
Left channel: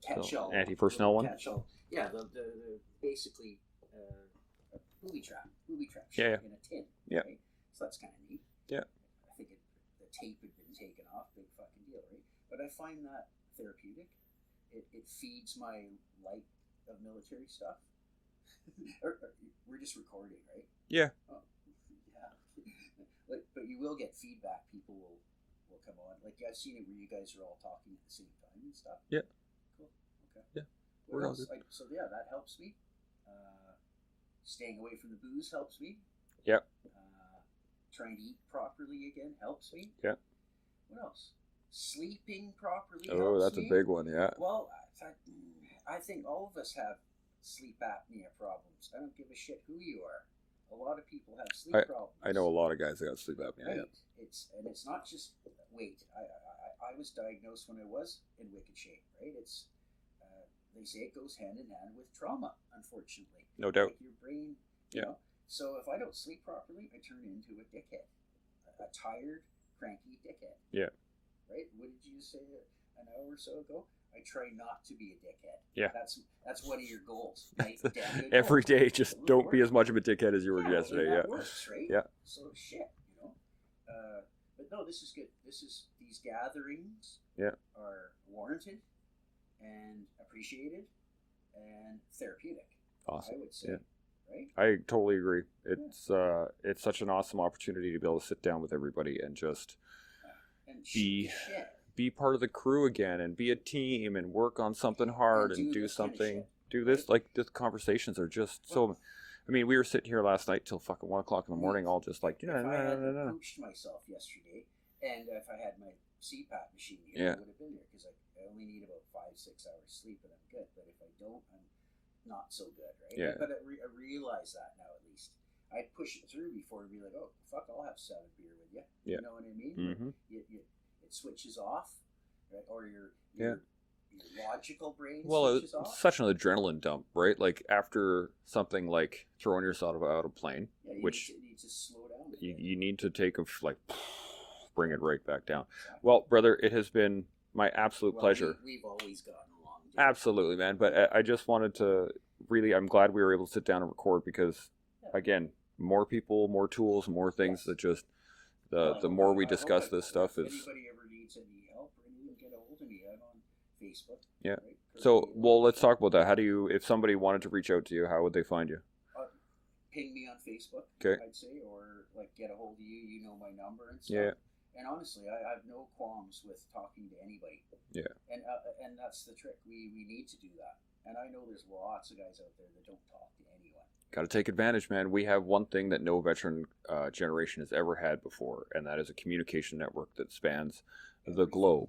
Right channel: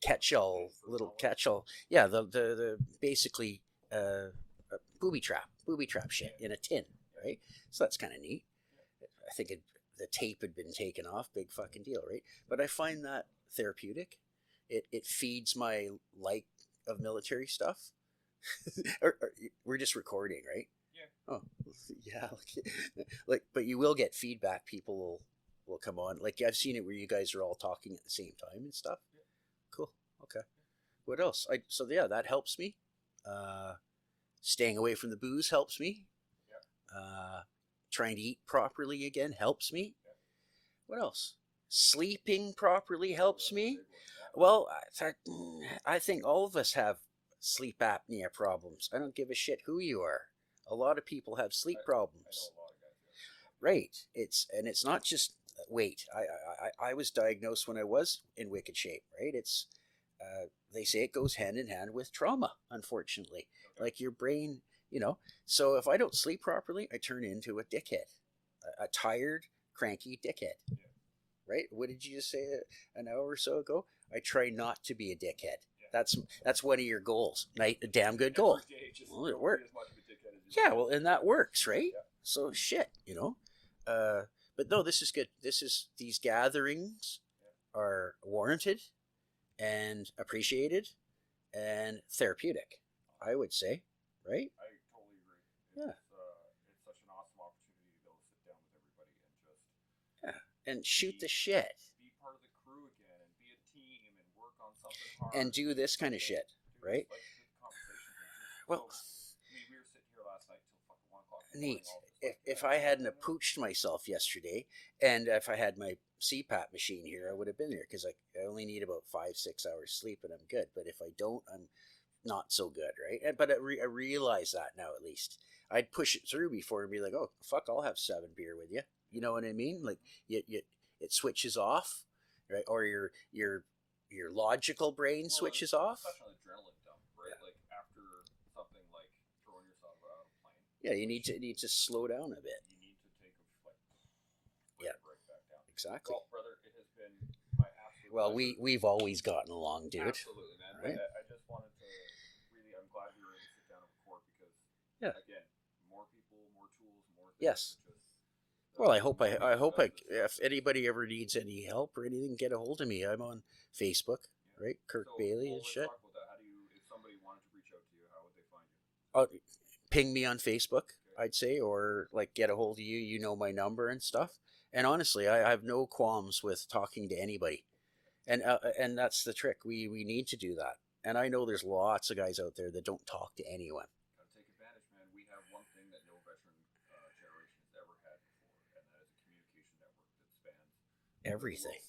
catch-all, anti-personnel one? catch-all. Yeah, the basically a booby trap shit Yeah. in a tin. Yeah. Right. So that's kind of neat. Yeah. I think the tape had been taken off. Big fucking deal, right? But I find that therapeutic. It feeds my like of military stuff. or we're just recording, right? Yeah. Oh, yeah. Like, but you will get feedback. People will come on. Like I've seen it where you guys are all talking at the same time and stuff. Yeah. Cool. Okay. Yeah. What We're all else? That helps me. Staying away from the booze helps me. Yep. Trying to eat properly again helps me. Yeah. What else? Sleeping properly Oh, helps that's me. a big one. Yeah. Well, I think all of us have sleep apnea problems. I don't give a shit who you are. A lot of people have sleep problems. I know a lot of guys that got sleep apnea. Right. It's not just weight. I was diagnosed when I was in wicked shape. Right. It's they say it goes hand in hand with trauma. Unfortunately, No doubt. like your brain. You Yeah. know. So if I don't sleep properly, I turn into a dickhead, a tired, cranky dickhead. Yeah. Right. What did you just say an hour or so ago? I try not to be a dickhead. Yeah. That's one of your goals. A damn good goal. Every day, just Well, it don't be worked. as much of a dickhead as you were Yeah, well, yesterday. and that yeah. works, right? Yeah. So shit, But no, this is good. These gatherings Yeah. are warranted and appreciated and therapeutic. Awesome. I would say, right? I totally agree. It's such an awesome opportunity to be able to sit down with everybody and just And shoot the shit. be part of the crew again and be a team and work on something hard And do this something. kind of shit, Do this right? like the conversations are just Well, so. I mean, we were sitting here last night till fucking 1 o'clock in the morning, Neat. all just like. If I hadn't pooched myself yesterday, and if I had my CPAP machine here, Yeah. I would have been there because I only need about 5-6 hours sleep, and I'm good. But if I don't, I'm not so good, right? Yeah. But I realize that now at least. I'd push it through before and be like, oh fuck, I'll have 7 beer with you. Yeah. You know what I mean? Mhm. Like it switches off, right? Or your logical brain switches off. It's such an adrenaline dump, right? Like after something like throwing yourself out of a plane. Yeah, you need to slow down a bit. You need to take a bring it right back down. Exactly. Well, brother, it has been my absolute pleasure. We've always gotten along, dude. Absolutely, man. But I just wanted to really, I'm glad we were able to sit down and record because, again, more people, more tools, more things that just, the more we discuss this stuff. If anybody ever needs any help or anything, get a hold of me. I'm on Facebook. Yeah. Right? Kirk So, Bailey well, let's shit. talk about that. How do you, if somebody wanted to reach out to you, how would they find you? Ping me on Facebook, Okay. I'd say, or like get a hold of you. You know my number and stuff. Yeah. And honestly, I have no qualms with talking to anybody. Yeah. And that's the trick. We need to do that. And I know there's lots of guys out there that don't talk to anyone. Got to take advantage, man. We have one thing that no veteran generation has ever had before, and that is a communication network that spans the globe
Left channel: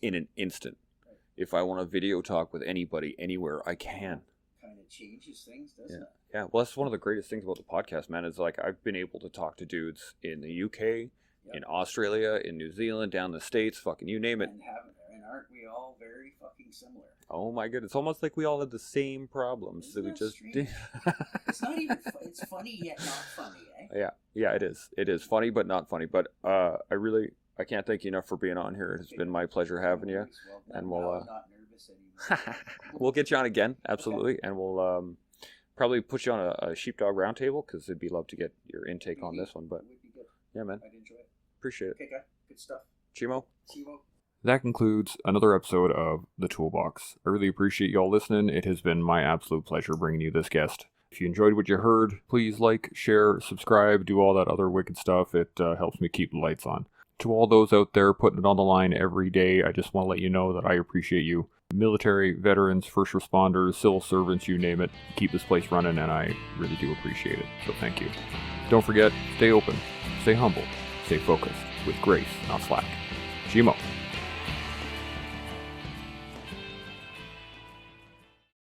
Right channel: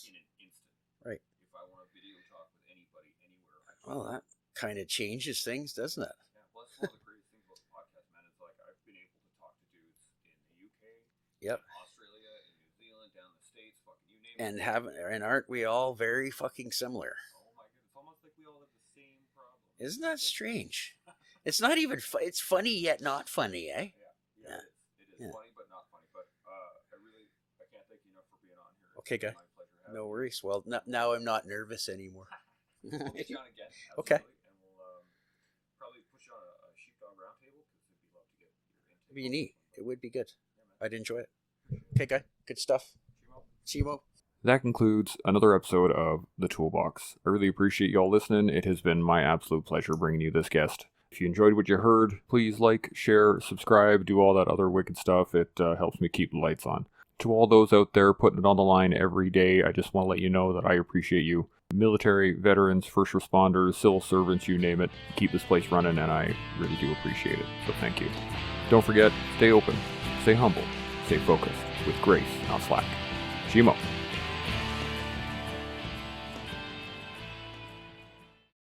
in an instant. Right. If I want to video talk with anybody anywhere, I can. Kind of changes things, doesn't it? Yeah. Well, that's one of the greatest things about the podcast, man. Is like I've been able to talk to dudes in the UK, in Australia, in New Zealand, down the States, fucking you name it. And aren't we all very fucking similar? Oh my goodness, it's almost like we all have the same problems. Isn't that strange? It's not even. It's funny yet not funny, eh? Yeah. It is. It is funny, but not funny. But I can't thank you enough for being on here. It's been my pleasure having you. Well, now I'm not nervous anymore. We'll get you on again, absolutely, and we'll probably put you on a sheepdog roundtable because it'd be love to get your intake on this one. But it would be good. Yeah, man. I'd enjoy it. Appreciate it. Okay, guy. Good stuff. Chimo. That concludes another episode of The Toolbox. I really appreciate y'all listening. It has been my absolute pleasure bringing you this guest. If you enjoyed what you heard, please like, share, subscribe, do all that other wicked stuff. It helps me keep the lights on. To all those out there putting it on the line every day, I just want to let you know that I appreciate you. Military, veterans, first responders, civil servants, you name it. Keep this place running, and I really do appreciate it. So thank you. Don't forget, stay open, stay humble, stay focused, with grace, not slack. Chimo.